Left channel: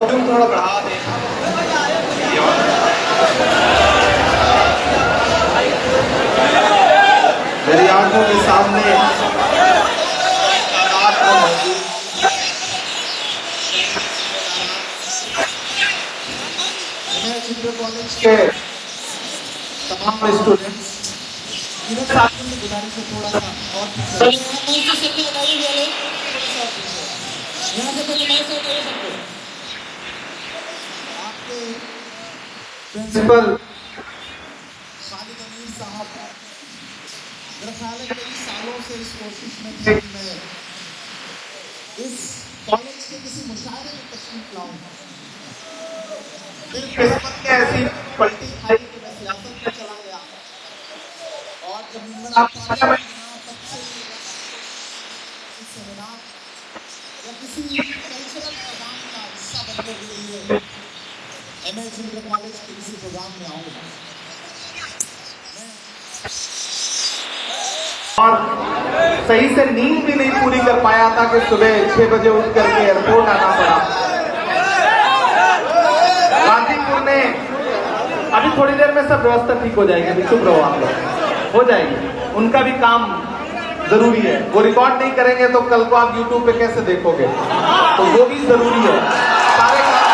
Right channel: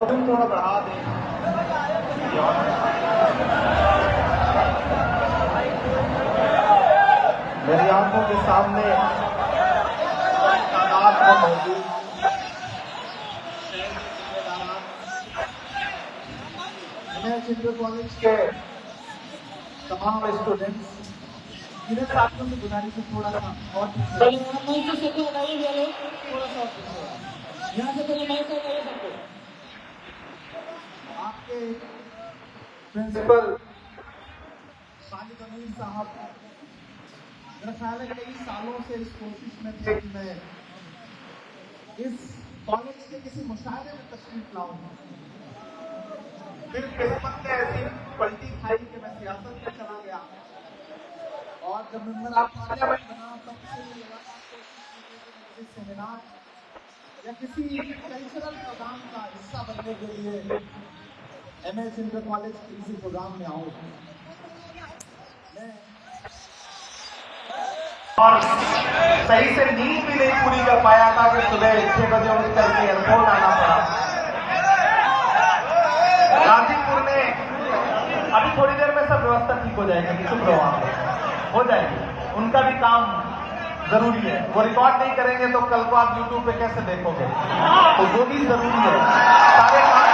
थोड़ा बढ़ा दें। मेरी आंखों के सामने चित्र कॉलेज के तमाम स्टूडेंट्स इधर साथियों से गुजारिश है थोड़ा सा और यहाँ से पहले आपके प्रिंसिपल खालिद अमीर साहब मेरा ख्याल है कई सालों से इस कोशिश में थे कि मैं इस कॉलेज के किसी मुशायरे में तशरीफ लाऊं। फिर किस्मत ने ऐसी पलटी खाई कि मैं सियासत में चला गया और जब मेंबर ऑफ पार्लियामेंट बना तब से सेमिनार या किसी कल्चरल प्रोग्राम का हिस्सा बनने के लिए एमएच इंटर कॉलेज के किसी प्रोग्राम में आऊं मैं और सही से नींद भी नहीं पूरी कर पाया था कि सुबह 6 बजे उठ करके एयरपोर्ट आना पड़ा। गाजीपुर में अभी थोड़ी देर में सब व्यवस्था ठीक हो जाएगी, चुप रहो आप, हो जाएगी। उनका भी काम जरूरी है, वो रिकॉर्ड नहीं करेंगे तो कल को आप YouTube पे कैसे देखोगे, तो वो भी जरूरी है, सारे काम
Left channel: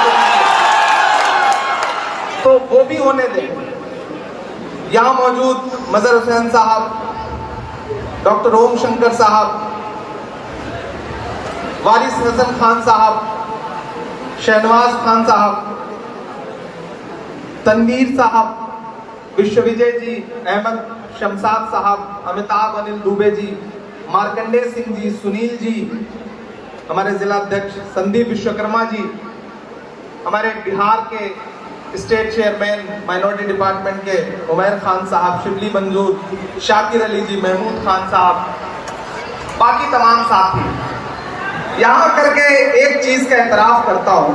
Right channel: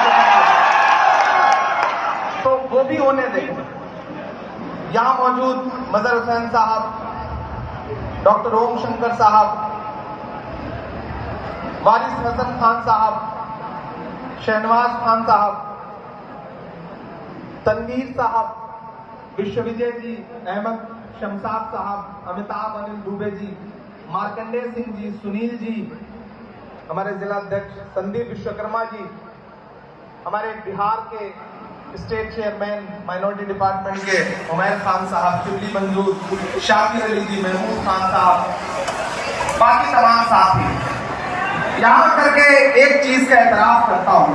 तो वो भी होने दें। यहाँ मौजूद मजहर हुसैन साहब, डॉक्टर ओम शंकर साहब, वारिस हसन खान साहब, शहनवाज खान साहब, तनवीर साहब, विश्वविजय जी, अहमद शमसाद साहब, अमिताभ अनिल दुबे जी, मार्कंडेय सिंह जी, सुनील जी, हमारे जिला अध्यक्ष संदीप विश्वकर्मा जी, हमारे बिहार के स्टेट चेयरमैन माइनॉरिटी डिपार्टमेंट के उमैर खान साहब, शिबली मंजूर, शाकिर अली जी, महमूद खान साहब, बाकी तमाम साथी। यहाँ करके एक चीज का एतराफ करता हूँ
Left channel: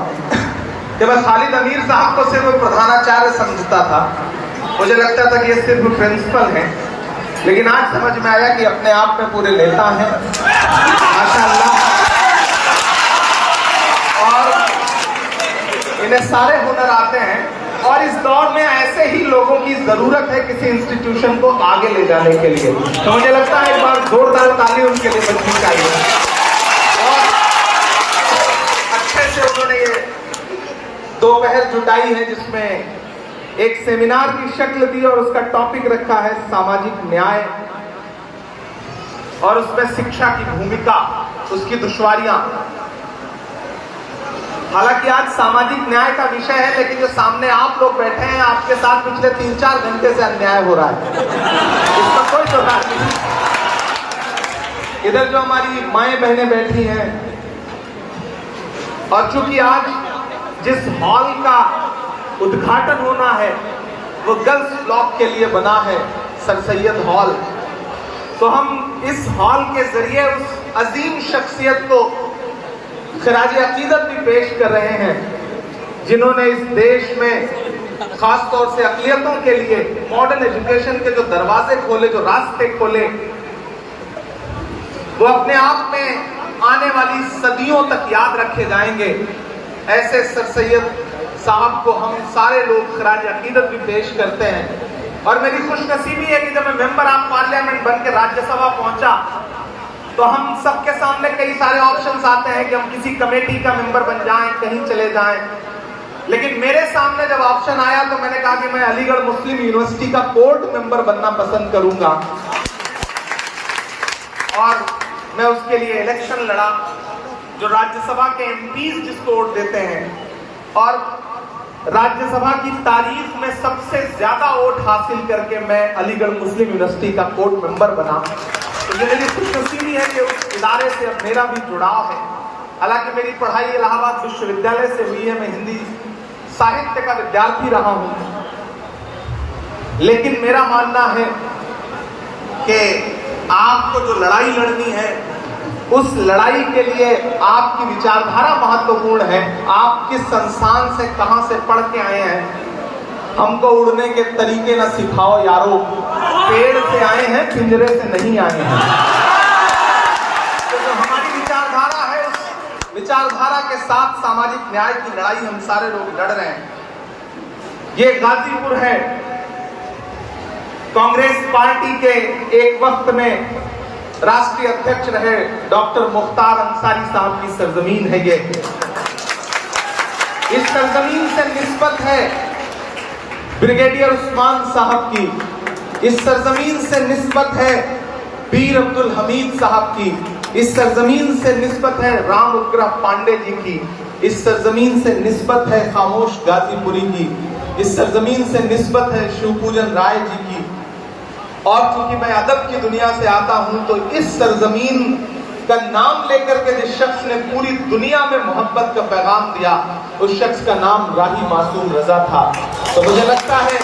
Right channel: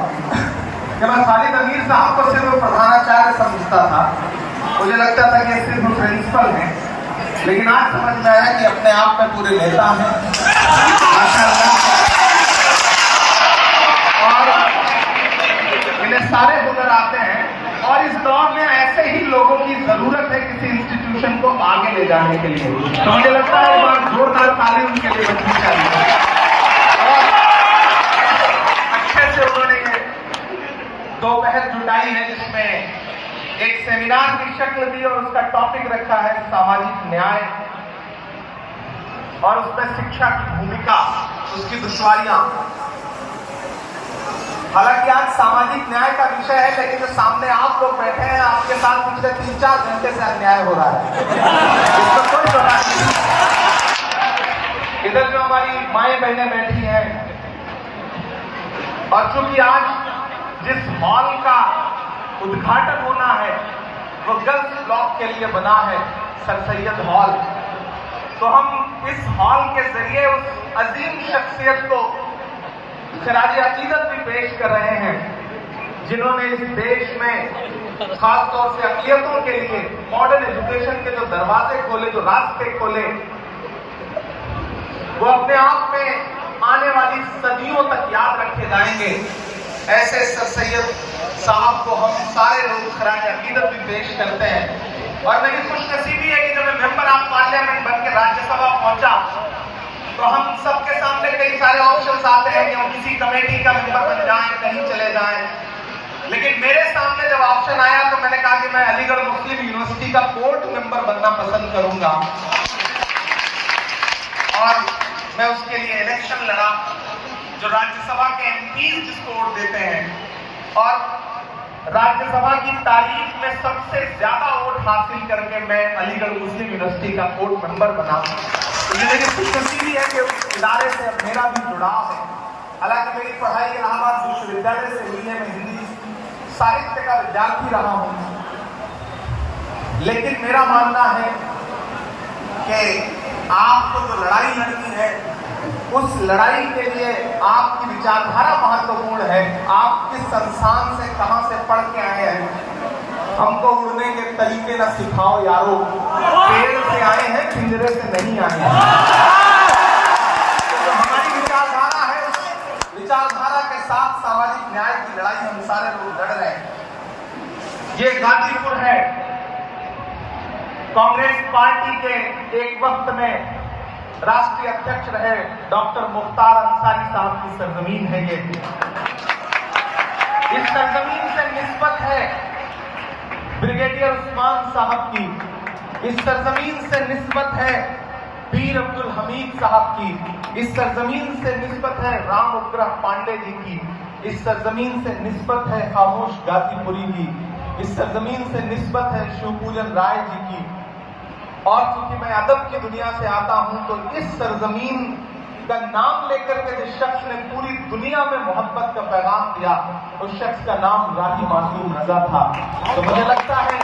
कि मैं खालिद अमीर साहब को सिर्फ प्रधानाचार्य समझता था, मुझे लगता था कि ये सिर्फ प्रिंसिपल हैं, लेकिन आज समझ में आया कि अपने आप में पूरे नेता हैं माशाअल्लाह, और इन्हें सारे हुनर आते हैं। और इस दौर में ऐसे ही लोगों की जरूरत है किसी इंस्टीट्यूशन को आगे ले जाने के लिए, तो मुझे लगता है एक बार जोरदार ताली उनके लिए बजनी चाहिए। अच्छे से उन्होंने ये दोपहर जुटाई है जिसमें एक सेमिनार की शक्ल दी और उसका टॉपिक रखा है सामाजिक न्याय, और उसमें शिक्षा की भूमिका, उसकी दुश्वारियां। हालांकि आज सामाजिक न्याय का विषय है, लेकिन जो सामने आप लोग बैठे हैं, आपके साथ पिछले 3-4 घंटे से अन्याय हो रहा है, इसमें कोई छोटा नहीं। इधर जो हमारी माएं बहनें बैठी हैं, और चूंकि आज जिस हॉल का उद्घाटन होना है वो गर्ल्स ब्लॉक के लिए बना है, सर सैयद हॉल, तो हम इस हॉल के जरिए उस अजीम शख्सियत को खराज अकीदत भी पेश कर रहे हैं जिन्होंने इस देश में खास तौर से अक़लियतों के लिए मॉडर्न एजुकेशन के जो दरवाजे खोले, जो रास्ते खोले, वो अपने आप में आने वाली सदियों तक याद रखे जाएंगे। ऐसे सर सैयद साहब को हम सारे लोग खराज अकीदत भी पेश करते हैं। और मेरी खुशनसीबी है कि जब मैं मेंबर ऑफ पार्लियामेंट बन के राज्यसभा पहुंचा तो हम सबके सामने कई सारे ऑप्शंस आते हैं कि हम किसी कमेटी का मेंबर बन जाएं, कहीं चले जाएं, लेकिन मेरे सामने जब ऑप्शन आया तो मैंने कहा कि मैं अलीगढ़ मुस्लिम यूनिवर्सिटी का बोर्ड मेंबर बनना पसंद करूंगा, और मैं उसके लिए इलेक्शन लड़ा। जो राज्यसभा के एमपीज जिसको वोट देते हैं, और राज्यसभा की तारीख में सबसे ज्यादा वोट हासिल करके मैं अलीगढ़ मुस्लिम यूनिवर्सिटी का बोर्ड मेंबर बना। तो ये मेरी खुशनसीबी है कि उस इदारे से मेरा भी जुड़ाव है। हालांकि मेरी पढ़ाई इलाहाबाद विश्वविद्यालय से हुई है, मैं हिंदी साहित्य का विद्यार्थी रहा हूं, लेकिन मेरा मानना है कि आपको जो लड़ाई लड़नी है, उस लड़ाई के लिए आपकी विचारधारा महत्वपूर्ण है। आप किस संस्थान से, कहां से पढ़ के आए हैं, हमको उड़ने के तरीके न सिखाओ यारो, पेड़ से आए हैं, पिंजरे से नहीं आए हैं। तो जो हमारी विचारधारा है, उस विचारधारा के साथ सामाजिक न्याय की लड़ाई हम सारे लोग लड़ रहे हैं। ये गाजीपुर है, कांग्रेस पार्टी के एक वक्त में राष्ट्रीय अध्यक्ष रहे डॉक्टर मुख्तार अंसारी साहब की सरजमीन है। ये इस सरजमीन से निस्बत है ब्रिगेडियर उस्मान साहब की, इस सरजमीन से निस्बत है बीर अब्दुल हमीद साहब की, इस सरजमीन से निस्बत है राम उग्रह पांडे जी की, इस सरजमीन से निस्बत है खामोश गाजीपुरी की, इस सरजमीन से निस्बत है शिवपूजन राय जी की। और चूंकि मैं अदब की दुनिया से आता हूं तो इस सरजमीन का नाम लेकर के जिस शख्स ने पूरी दुनिया में मोहब्बत का पैगाम दिया, उस शख्स का नाम राही मासूम रजा था। तो मुझे लगता है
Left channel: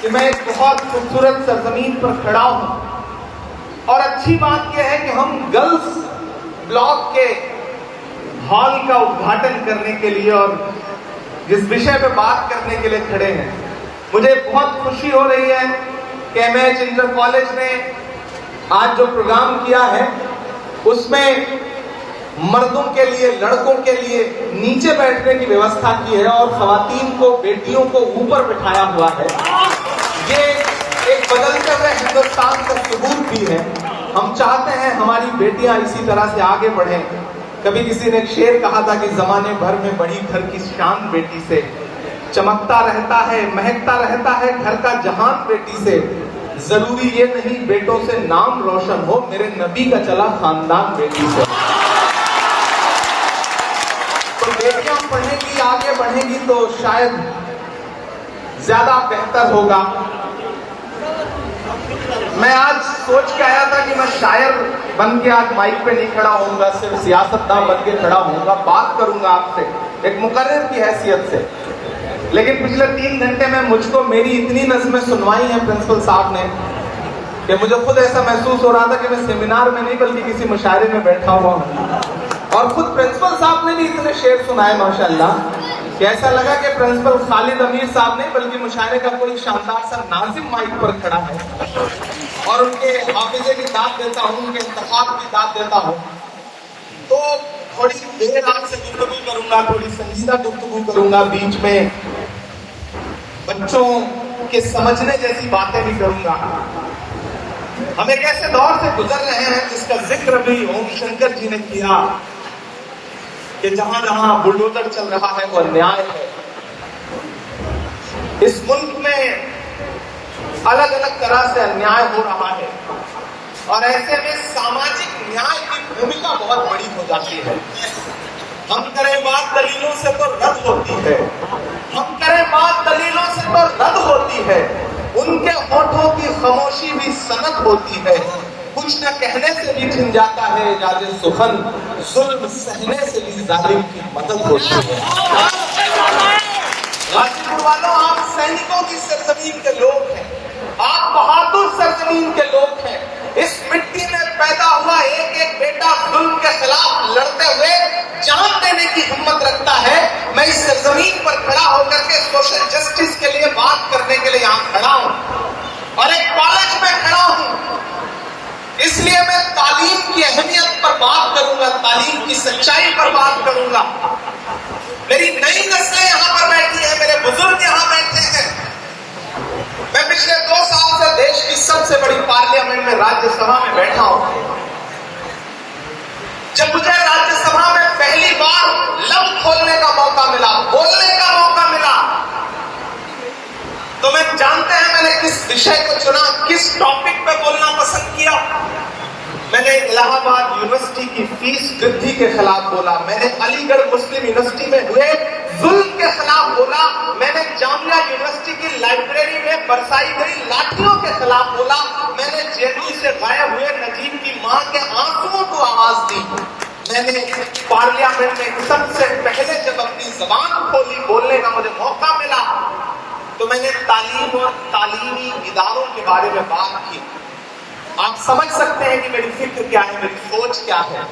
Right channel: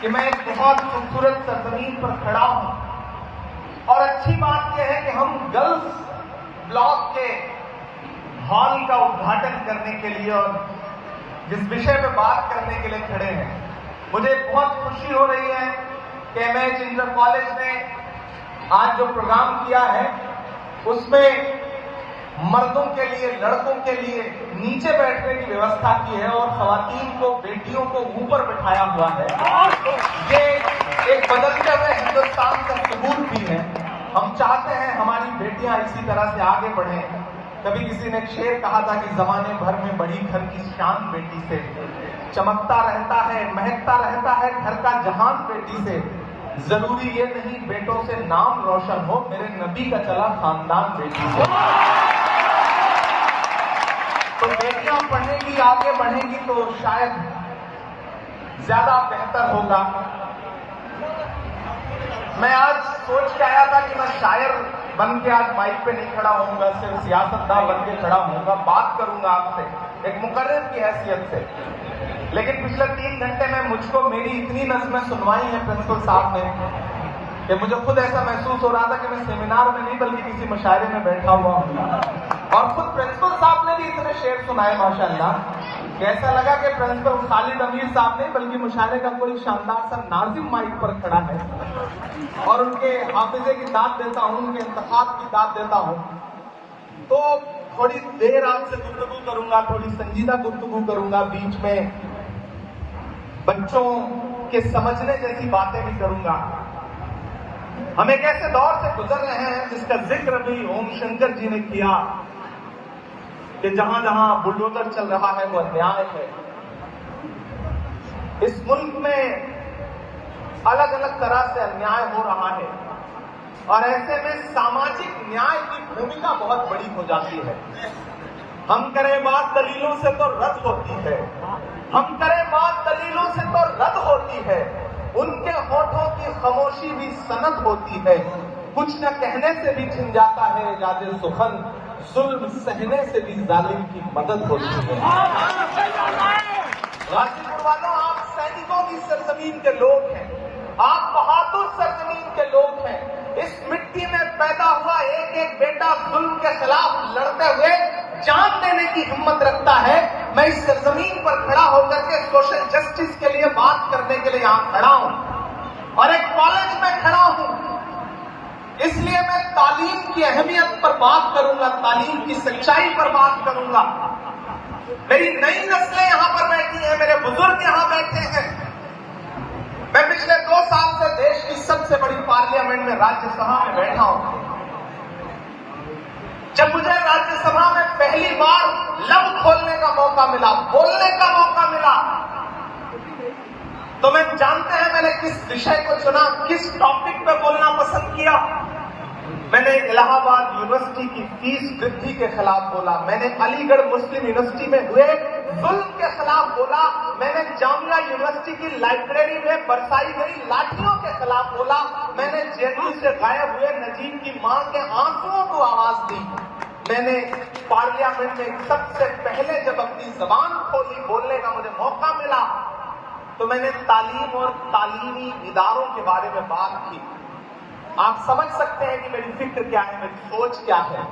कि मैं एक बहुत खूबसूरत सरजमीन पर खड़ा हूं। और अच्छी बात यह है कि हम गर्ल्स ब्लॉक के हॉल का उद्घाटन करने के लिए और जिस विषय पे बात करने के लिए खड़े हैं, मुझे बहुत खुशी हो रही है कि एमएच इंटर कॉलेज ने आज जो प्रोग्राम किया है उसमें मर्दों के लिए, लड़कों के लिए नीचे बैठने की व्यवस्था की है और खवातीन को, बेटियों को ऊपर बिठाया हुआ है। ये एक बदलते हुए हिंदुस्तान का सबूत भी है। हम चाहते हैं हमारी बेटियां इसी तरह से आगे बढ़ें। कभी किसी ने एक शेर कहा था कि जमाने भर में बड़ी घर की शान बेटी से, चमकता रहता है, महकता रहता है घर का जहान बेटी से। जरूरी ये नहीं बेटों से नाम रोशन हो, मेरे नबी का चला खानदान बेटी से। तो बेटियां पढ़ेंगी, आगे बढ़ेंगी तो शायद ज्यादा बेहतर होगा। मैं आज सोच के आया था कि मैं शायर बन के आज माइक पे नहीं खड़ा होऊंगा, सिर्फ सियासतदान बन के खड़ा होऊंगा, बात करूंगा आपसे एक मुकर्रिर की हैसियत से। लेकिन पिछले 3 घंटे में मुझको मेरी इतनी नज़्में सुनवाई हैं प्रिंसिपल साहब ने कि मुझे खुद ऐसा महसूस हो रहा था कि मैं सेमिनार में नहीं बल्कि किसी मुशायरे में बैठा हुआ हूँ। और खुद प्रिंसिपल साहब ने भी इतने शेर सुनाए माशाल्लाह कि ऐसा लगा कि प्रिंसिपल खालिद अमीर साहब नहीं बल्कि मुशायरे का कोई शानदार सा नाजिम माइक पर खड़ा है और उनके हाफिजे की दाद देता हूँ, उनके इंतखाब की दाद देता हूँ। तो थोड़ी देर आपसे गुफ्तगू करूंगा, थोड़ी संजीदा गुफ्तगू करूंगा, बीच में बच्चों के समझने जैसी बातें भी करूंगा। हम एक ऐसे दौर से गुजर रहे हैं जिसका जिक्र भी ओम शंकर जी ने किया कि जहां जहां बुलडोजर चल रहा है वो अन्याय है। इस मुल्क में अलग अलग तरह से अन्याय हो रहा है और ऐसे में सामाजिक न्याय की भूमिका बहुत बड़ी हो जाती है। हम करें बात दलीलों से तो रद्द होती है, हम करें बात दलीलों से तो रद्द होती है, उनके होठों की खामोशी भी सनद होती है। कुछ न कहने से भी छिन जाता है इजाज़े सुखन, जुल्म सहने से भी जालिम की मदद होती है। गाजीपुर वालों, आप सैनिकों की सरजमीन के लोग हैं, आप बहादुर सरजमीन के लोग हैं। इस मिट्टी में पैदा हुआ एक एक बेटा जुल्म के खिलाफ लड़ते हुए जान देने की हिम्मत रखता है। मैं इस सरजमीन पर खड़ा होकर के सोशल जस्टिस के लिए बात करने के लिए यहाँ खड़ा हूँ और एक कॉलेज में खड़ा हूँ। इसलिए मैं तालीम की अहमियत पर बात करूंगा, तालीम की सच्चाई पर बात करूंगा। मेरी नई नस्लें यहाँ पर बैठी है, मेरे बुजुर्ग यहाँ बैठे हैं। मैं पिछले 2 साल से देश की सबसे बड़ी पार्लियामेंट में, राज्यसभा में बैठा हूं। जब मुझे राज्यसभा में पहली बार लब खोलने का मौका मिला, बोलने का मौका मिला, तो मैं जानते हैं मैंने किस विषय को चुना, किस टॉपिक पे बोलना पसंद किया। मैंने इलाहाबाद यूनिवर्सिटी की फीस वृद्धि के खिलाफ बोला, मैंने अलीगढ़ मुस्लिम यूनिवर्सिटी में हुए जुल्म के खिलाफ बोला, मैंने जामिया यूनिवर्सिटी की लाइब्रेरी में बरसाई गई लाठियों के खिलाफ बोला, मैंने जेएनयू से गायब हुए नजीब की मां के आंसुओं को आवाज दी। मैंने पार्लियामेंट में सबसे पहले जब अपनी जबान खोली, बोलने का मुझे मौका मिला, तो मैंने तालीम और तालीमी इदारों के बारे में बात की। आप समझ सकते हैं कि मेरी फिक्र क्या है, मेरी सोच क्या है।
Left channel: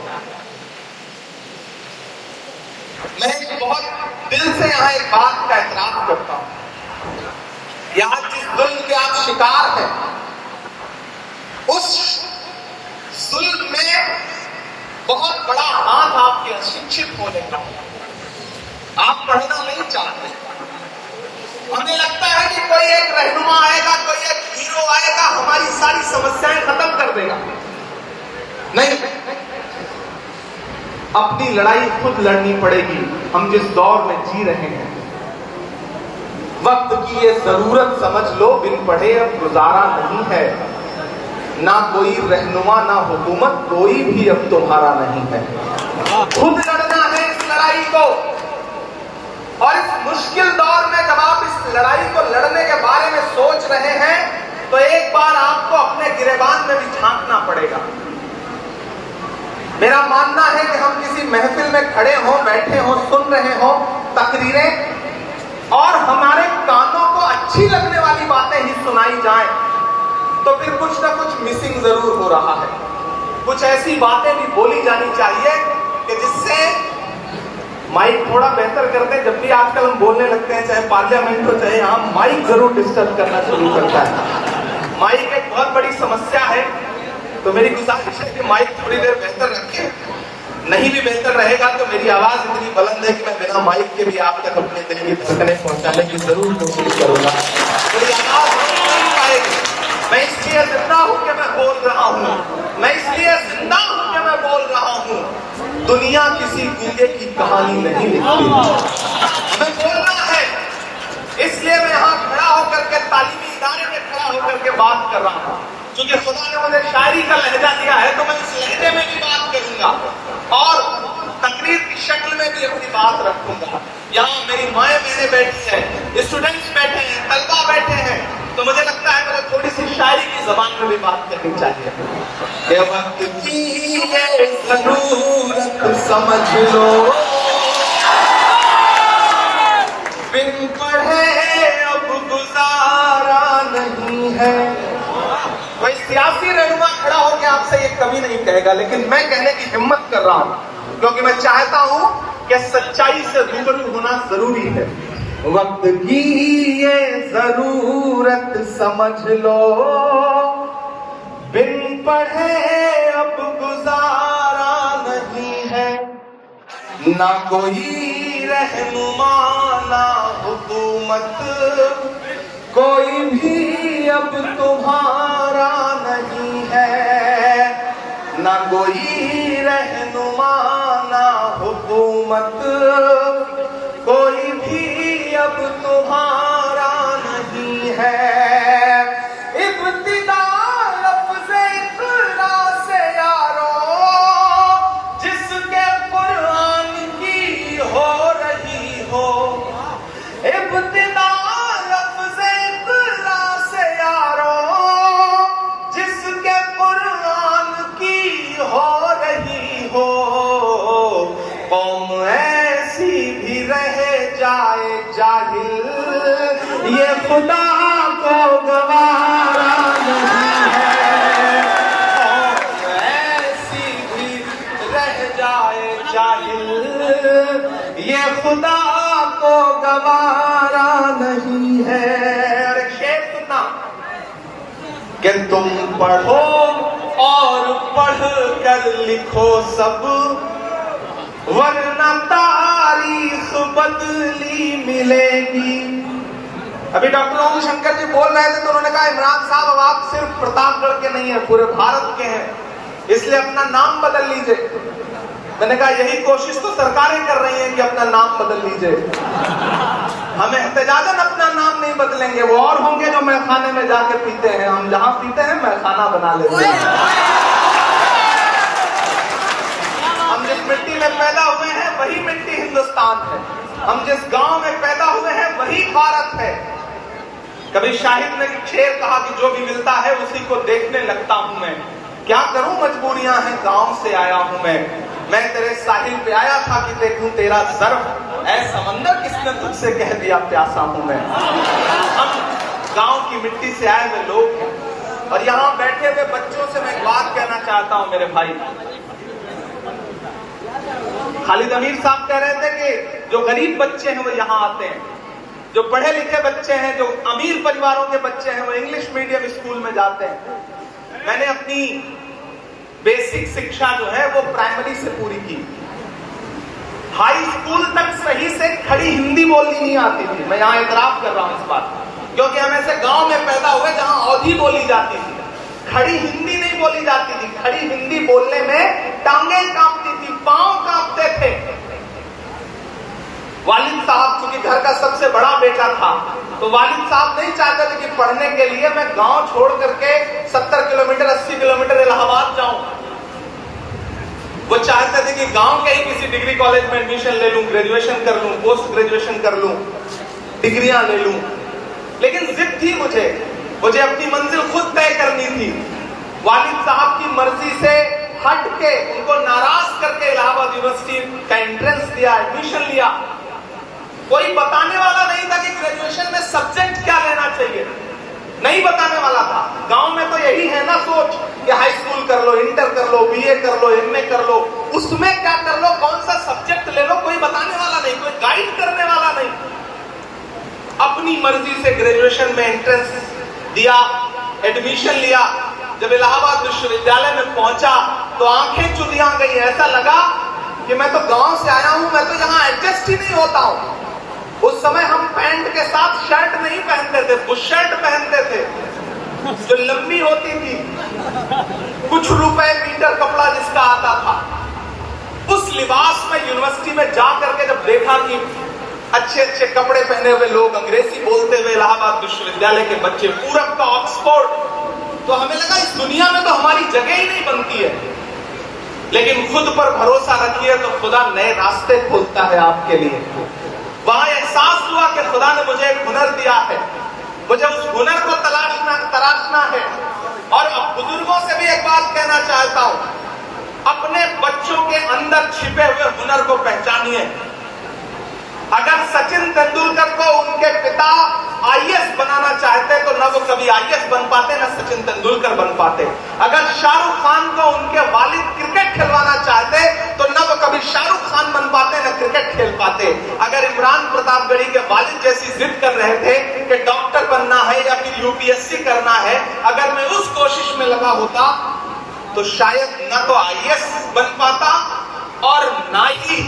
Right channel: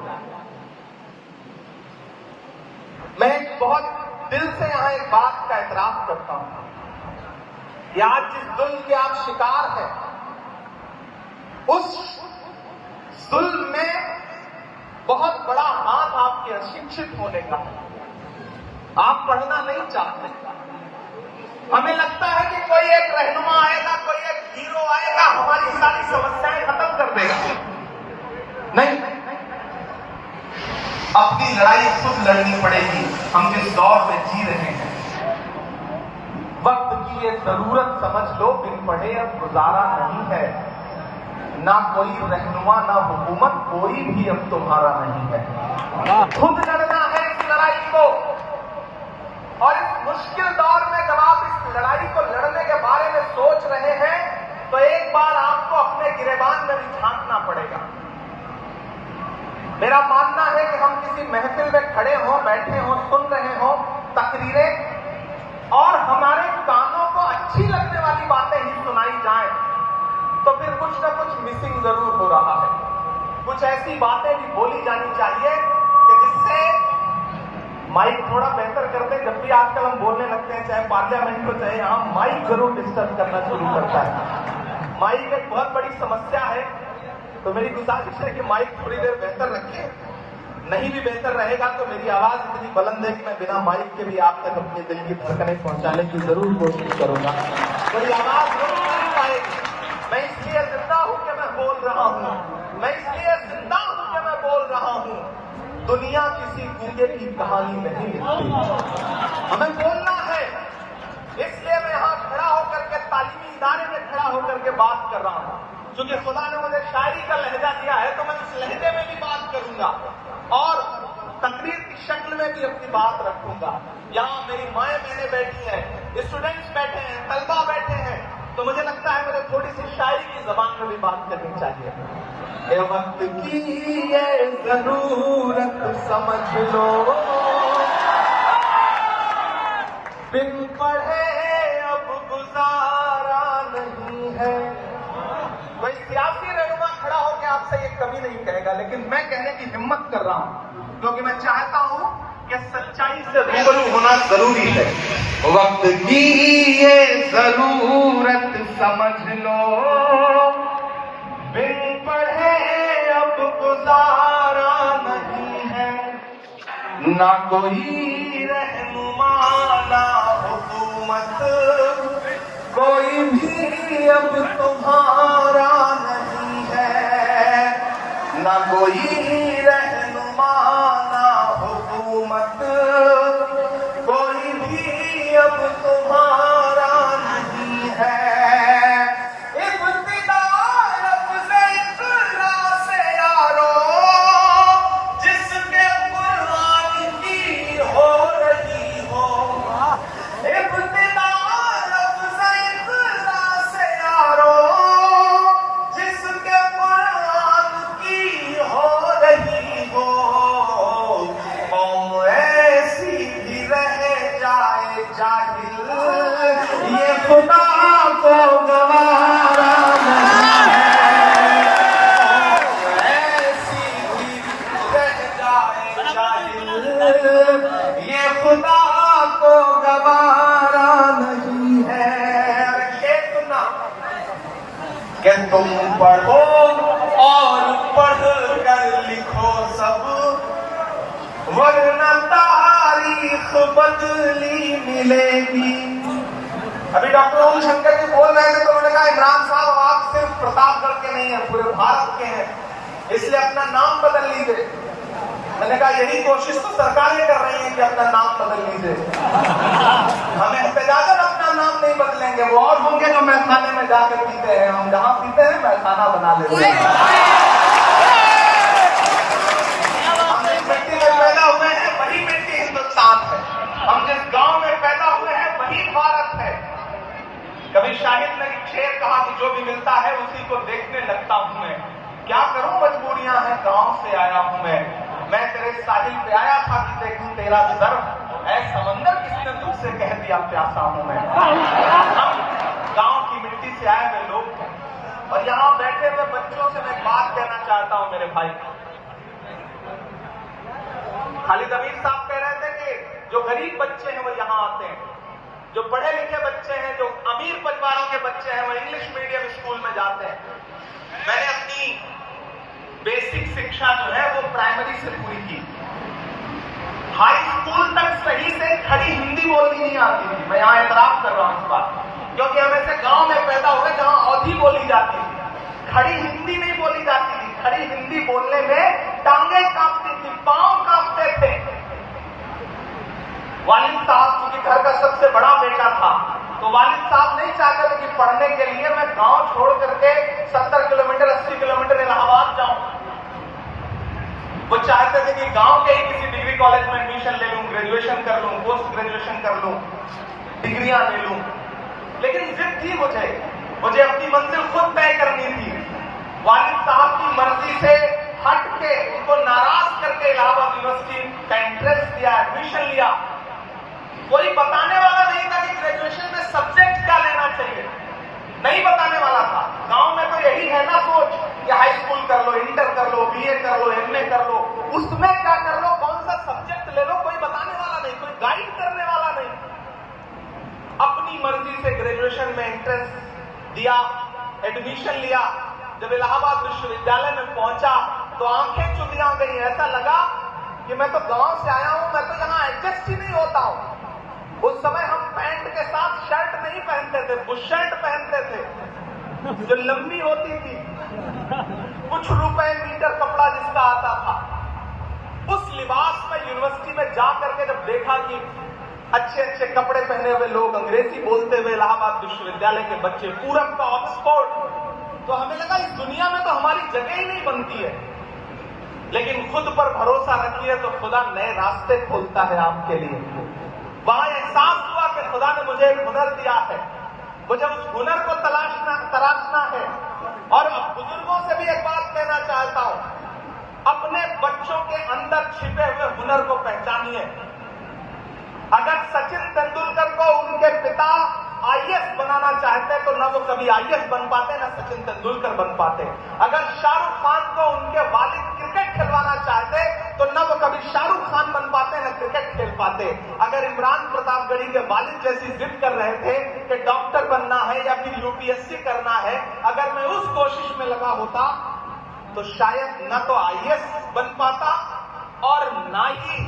मैं बहुत दिल से यहाँ एक बात का एतराफ करता हूं कि आज जिस जुल्म के आप शिकार हैं, उस जुल्म में बहुत बड़ा हाथ आपके अशिक्षित होने का, आप पढ़ना नहीं चाहते। हमें लगता है कि कोई एक रहनुमा आएगा, कोई एक हीरो आएगा, हमारी सारी समस्याएं खत्म कर देगा। नहीं, अपनी लड़ाई खुद लड़नी पड़ेगी। हम जिस दौर में जी रहे हैं, वक्त की ये जरूरत समझ लो, बिन पढ़े अब गुजारा नहीं है। ना कोई रहनुमा ना हुकूमत, कोई भी अब तुम्हारा नहीं है। खुद लड़ना है इस लड़ाई को। और इस मुश्किल दौर में जब आप इस लड़ाई को लड़ने के बारे में सोच रहे हैं, तो एक बार आपको अपने गिरेबान में भी झांकना पड़ेगा। मेरा मानना है कि हम किसी महफिल में खड़े हों, बैठे हों, सुन रहे हों तकरीरें, और हमारे कानों को अच्छी लगने वाली बातें ही सुनाई जाएं, तो फिर कुछ ना कुछ मिसिंग जरूर हो रहा है। कुछ ऐसी बातें भी बोली जानी चाहिए कि जिससे माइक थोड़ा बेहतर कर दे। जब भी आजकल हम बोलने लगते हैं, चाहे पार्लियामेंट हो चाहे यहाँ, माइक जरूर डिस्टर्ब करना शुरू करता है। माइक एक बहुत बड़ी समस्या है, तो मेरी गुजारिश है कि माइक थोड़ी देर बेहतर रखें। नहीं भी बेहतर रहेगा तो मेरी आवाज इतनी बुलंद है कि मैं बिना माइक के भी आप तक अपने दिल की धड़कनें पहुंचाने की जरूर कोशिश करूंगा। मैं इसलिए जिंदा हूं कि मैं बोल रहा हूं, मैं इसलिए जिंदा हूं कि मैं बोल रहा हूं। दुनिया किसी गूंगे की कहानी नहीं लिखती। हमें बोलना है, इसलिए मैं यहाँ खड़ा होकर के तालीमी इदारे में खड़ा होकर के बात कर रहा हूँ। क्योंकि खुदा ने मुझे शायरी का लहजा दिया है, तो मैं उस लहजे में भी बात करूंगा और तकरीर की शक्ल में भी अपनी बात रखूंगा। यहाँ मेरी माएँ बहनें बैठी हैं, स्टूडेंट्स बैठे हैं, तलबा बैठे हैं, तो मुझे लगता है मुझे थोड़ी सी शायरी की जबान में भी बात करनी चाहिए। ये वक्त की ये जरूरत समझ लो, बिन पढ़े अब गुजारा नहीं है। कोई सियासी रहनुमा खड़ा होकर आपसे ये कभी नहीं कहेगा, लेकिन मैं कहने की हिम्मत कर रहा हूं, क्योंकि मैं चाहता हूं कि सच्चाई से रूबरू होना जरूरी है। वक्त की ये जरूरत समझ लो, बिन पढ़े अब गुजारा नहीं है। ना कोई रहनुमा ना हुकूमत, कोई भी अब तुम्हारा नहीं है। ना कोई रहनुमा ना हुकूमत, कोई भी अब तुम्हारा नहीं है। इब्तिदा लफ्ज़े इक़रा से यारो, जिसके कुरान की हो रही हो। इब्तिदा लफ्ज़े इक़रा से यारो, जिसके कुरान की हो रही हो। कौम ऐसी भी रह जाए जाहिल, ये खुदा को गवारा नहीं है। कौम ऐसी भी रह जाए जाहिल, ये खुदा को गवारा नहीं है। अरे शेर सुनना कि तुम पढ़ो और पढ़ कर लिखो सब, वरना तारीख बदली मिलेगी। अभी डॉक्टर ओम शंकर जी बोल रहे थे, तो उन्होंने कहा इमरान साहब आप सिर्फ प्रतापगढ़ के नहीं है, पूरे भारत के हैं, इसलिए अपना नाम बदल लीजिए। मैंने कहा यही कोशिश तो सरकारें कर रही हैं कि अपना नाम बदल लीजिए। हमें एहतजाजन अपना नाम नहीं बदलेंगे, वो और होंगे जो मैखाने में जाके पीते हैं, हम जहां पीते हैं मैखाना बना लेते हैं। मिट्टी में पैदा हुए हैं वही मिट्टी हिंदुस्तान है, हम जिस गांव में पैदा हुए हैं वही भारत है। कभी शाहिद ने शेर कहा कि जो भी मिलता है उसी को देखने लगता हूं मैं, क्या करूं मजबूरियां हैं, गांव से आया हूं मैं तेरे साहिल पे आया था कि देखूं तेरा ज़र्फ, ऐ समंदर किसने तुझसे कह दिया प्यासा हूं मैं। हम गांव की मिट्टी से आए हुए लोग हैं, और यहाँ बैठे हुए बच्चों से मैं एक बात कहना चाहता हूं मेरे भाई। खालिद अमीर साहब कह रहे थे कि जो गरीब बच्चे हैं वो यहाँ आते हैं, जो पढ़े लिखे बच्चे हैं, जो अमीर परिवारों के बच्चे हैं वो इंग्लिश मीडियम स्कूल में जाते हैं। मैंने अपनी बेसिक शिक्षा जो है वो प्राइमरी से पूरी की। हाई स्कूल तक सही से खड़ी हिंदी बोलनी नहीं आती थी। मैं यहाँ एतराफ कर रहा हूँ इस बात, क्योंकि हम ऐसे गांव में पैदा हुए जहां अवधी बोली जाती थी, खड़ी हिंदी नहीं बोली जाती थी। खड़ी हिंदी बोलने में टांगे कांपती थी, पांव कांपते थे। वालिद साहब चूंकि घर का सबसे बड़ा बेटा था, तो वालिद साहब नहीं चाहते थे कि पढ़ने के लिए मैं गांव छोड़ करके 70 किलोमीटर 80 किलोमीटर इलाहाबाद जाऊं। वो चाहते थे कि गांव के ही किसी डिग्री कॉलेज में एडमिशन ले लूं, ग्रेजुएशन कर लूं, पोस्ट ग्रेजुएशन कर लूं, डिग्रियां ले लूं। लेकिन जिद थी मुझे अपनी मंजिल खुद तय करनी थी। वालिद साहब की मर्जी से हट के, उनको नाराज करके इलाहाबाद यूनिवर्सिटी का एंट्रेंस दिया, एडमिशन लिया। कोई बताने वाला नहीं था कि ग्रेजुएशन में सब्जेक्ट क्या लेना चाहिए, नहीं बताने वाला था। गांव में तो यही है ना सोच कि हाई स्कूल कर लो, इंटर कर लो, बीए कर लो, एमए कर लो, उसमें क्या कर लो, कौन सा सब्जेक्ट ले लो, कोई बताने वाला नहीं, कोई गाइड करने वाला नहीं। अपनी मर्जी से ग्रेजुएशन में एंट्रेंस दिया, एडमिशन लिया। जब इलाहाबाद विश्वविद्यालय में पहुंचा तो आंखें चुदियां गई। ऐसा लगा कि मैं तो गांव से आया हूं, मैं तो यहां एडजस्ट ही नहीं होता हूं। उस समय हम पैंट के साथ शर्ट नहीं पहनते थे, बुशर्ट पहनते थे जो लंबी होती थी, कुछ रुपए मीटर कपड़ा जिसका आता था। उस लिबास में यूनिवर्सिटी में जा करके जब देखा कि अच्छे अच्छे कपड़े पहने हुए लोग, अंग्रेजी बोलते हुए इलाहाबाद विश्वविद्यालय के बच्चे, पूरब का ऑक्सफोर्ड, तो हमें लगा इस दुनिया में तो हमारी जगह ही नहीं बनती है। लेकिन खुद पर भरोसा रखिए तो खुदा नए रास्ते खोलता है आपके लिए। वहां एहसास हुआ कि खुदा ने मुझे एक हुनर दिया है, मुझे उस हुनर को तराशना है। और अब बुजुर्गों से भी एक बात कहना चाहता हूं, अपने बच्चों के अंदर छिपे हुए हुनर को पहचानिए। अगर सचिन तेंदुलकर को उनके पिता आईएएस बनाना चाहते तो न वो कभी आईएएस बन पाते, न सचिन तेंदुलकर बन पाते। अगर शाहरुख खान को उनके वालिद क्रिकेट खिलवाना चाहते तो न वो कभी शाहरुख खान बन पाते, न क्रिकेट खेल पाते। अगर इमरान प्रतापगढ़ी के वालिद जैसी जिद कर रहे थे कि डॉक्टर बनना है या फिर यूपीएससी करना है, अगर मैं उस कोशिश में लगा होता तो शायद न तो आईएएस बन पाता और न ही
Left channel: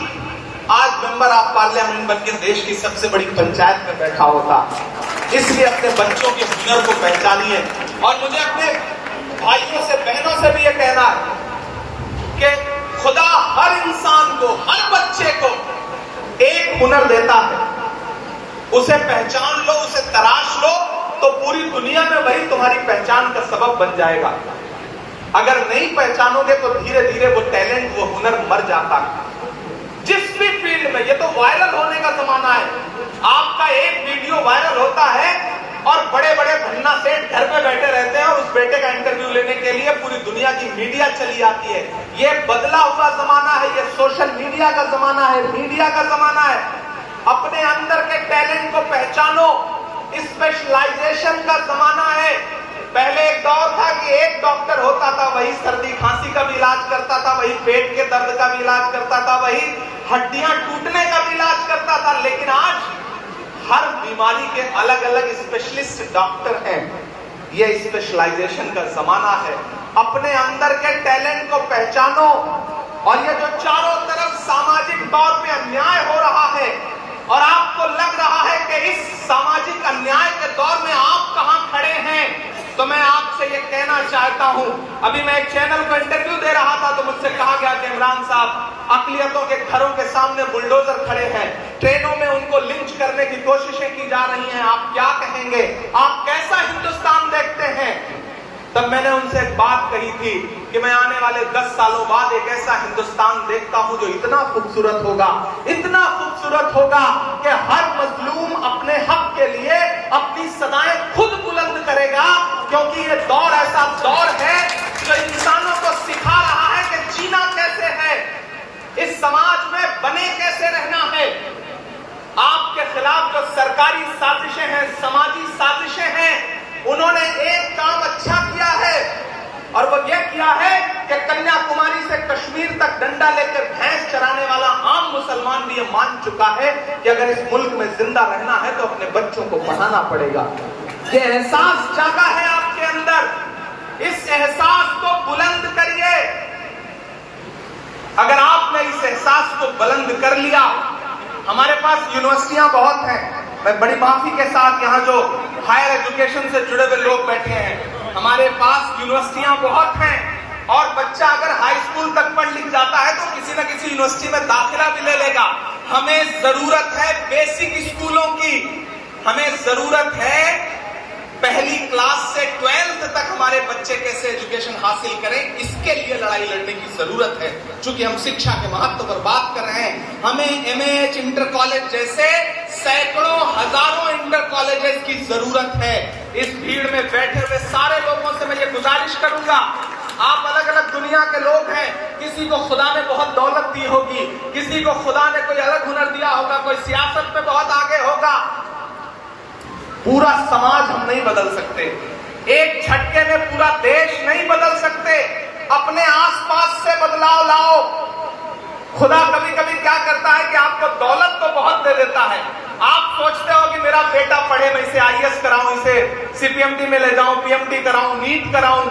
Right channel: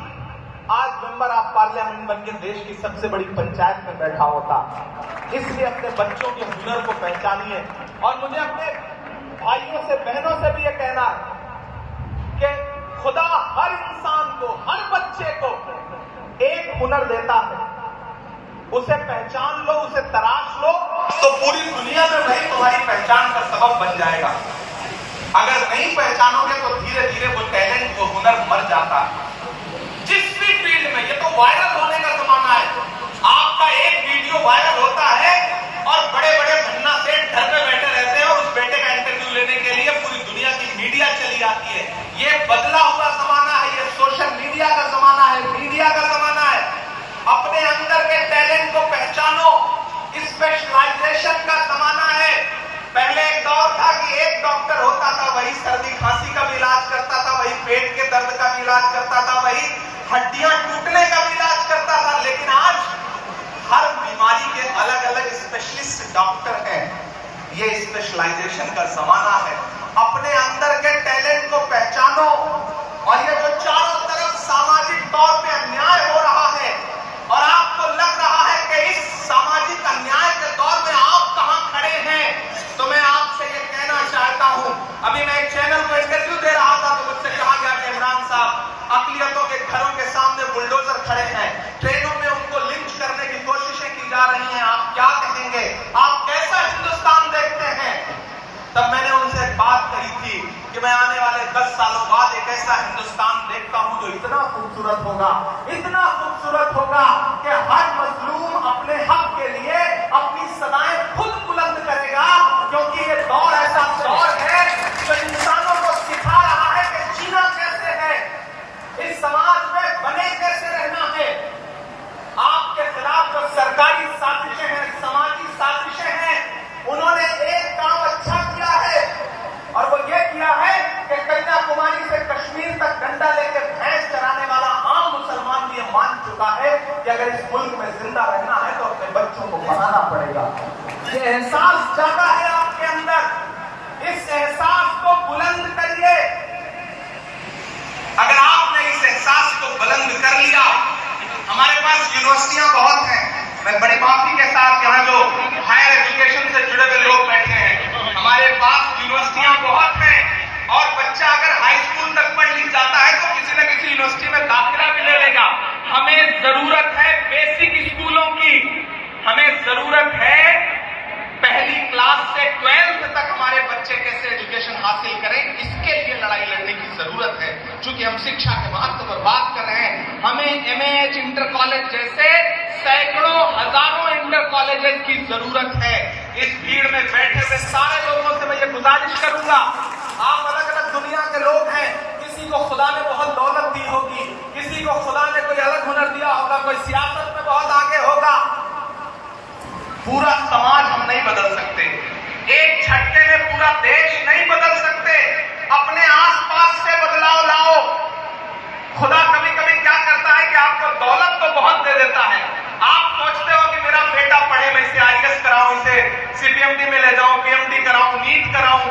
आज मेंबर ऑफ पार्लियामेंट बनकर देश की सबसे बड़ी पंचायत में बैठा होता। इसलिए अपने बच्चों के हुनर को पहचानिए। और मुझे अपने भाइयों से, बहनों से भी ये कहना है कि खुदा हर इंसान को, हर बच्चे को एक हुनर देता है, उसे पहचान लो, उसे तराश लो, तो पूरी दुनिया में वही तुम्हारी पहचान का सबब बन जाएगा। अगर नहीं पहचानोगे तो धीरे धीरे वो टैलेंट, वो हुनर मर जाता है। जिस भी फील्ड में, ये तो वायरल होने का जमाना है। आपका एक वीडियो वायरल होता है और बड़े बड़े धन्ना सेठ घर पे बैठे रहते हैं और उस बेटे का इंटरव्यू लेने के लिए पूरी दुनिया की मीडिया चली आती है। ये बदला हुआ जमाना है, ये सोशल मीडिया का जमाना है, मीडिया का जमाना है। अपने अंदर के टैलेंट को पहचानो, स्पेशलाइजेशन का जमाना है। पहले एक दौर था कि एक डॉक्टर होता था, वही सर्दी खांसी का भी इलाज करता था, वही पेट के दर्द का भी इलाज करता था, वही हड्डियां टूटने का भी इलाज करता था। लेकिन आज हर बीमारी के अलग अलग स्पेशलिस्ट डॉक्टर हैं। ये स्पेशलाइजेशन का जमाना है। अपने अंदर के टैलेंट को पहचानो। और ये जो चारों तरफ सामाजिक तौर पे अन्याय हो रहा है और आपको लग रहा है कि इस सामाजिक अन्याय के दौर में आप कहां खड़े हैं, तो मैं आपसे ये कहना चाहता हूं। अभी मैं एक चैनल को इंटरव्यू दे रहा था तो मुझसे कहा गया कि इमरान साहब, अकलियतों के घरों के सामने बुलडोजर खड़े हैं, ट्रेनों में उनको लिंच करने की कोशिशें की जा रही हैं, आप क्या कहेंगे, आप कैसा हिंदुस्तान देखते हैं? तब मैंने उनसे एक बात कही थी कि मैं आने वाले 10 सालों बाद एक ऐसा हिंदुस्तान देखता हूं जो इतना खूबसूरत होगा, इतना खूबसूरत होगा कि हर मजलूम अपने हक के लिए अपनी सदाएं खुद बुलंद करेगा। क्योंकि ये दौर ऐसा दौर है जो इंसानों को सिखा रहा है कि जीना कैसे है, इस समाज में बने कैसे रहना है। आपके खिलाफ जो सरकारी साजिशें हैं, समाजी साजिशें हैं, उन्होंने एक काम अच्छा किया है और वो ये किया है कि कन्याकुमारी से कश्मीर तक डंडा लेकर भैंस चराने वाला आम मुसलमान भी ये मान चुका है कि अगर इस मुल्क में जिंदा रहना है तो अपने बच्चों को पढ़ाना पड़ेगा। ये एहसास जागा है आपके अंदर, इस एहसास को बुलंद करिए। अगर आपने इस एहसास को बुलंद कर लिया। हमारे पास यूनिवर्सिटियां बहुत हैं। मैं बड़ी माफी के साथ यहाँ जो हायर एजुकेशन से जुड़े हुए लोग बैठे हैं, हमारे पास यूनिवर्सिटियां बहुत हैं और बच्चा अगर हाई स्कूल तक पढ़ लिख जाता है तो किसी न किसी यूनिवर्सिटी में दाखिला भी ले लेगा। हमें जरूरत है बेसिक स्कूलों की, हमें जरूरत है पहली क्लास से 12th तक हमारे बच्चे कैसे एजुकेशन हासिल करें, इसके लिए लड़ाई लड़ने की जरूरत है। चूंकि हम शिक्षा के महत्व पर बात कर रहे हैं, हमें एमएएच इंटर कॉलेज जैसे सैकड़ों हजारों इंटर कॉलेजेस की जरूरत है। इस भीड़ में बैठे हुए सारे लोगों से मैं ये गुजारिश करूंगा, आप अलग अलग दुनिया के लोग हैं, किसी को खुदा ने बहुत दौलत दी होगी, किसी को खुदा ने कोई अलग हुनर दिया होगा, कोई सियासत में बहुत आगे होगा। पूरा समाज हम नहीं बदल सकते, एक झटके में पूरा देश नहीं बदल सकते। अपने आसपास से बदलाव लाओ। खुदा कभी कभी क्या करता है कि आपको दौलत तो बहुत दे देता है, आप सोचते हो कि मेरा बेटा पढ़े, मैं इसे आईएएस कराऊं, इसे सीपीएमटी में ले जाऊं, पीएमटी कराऊं, नीट कराऊं,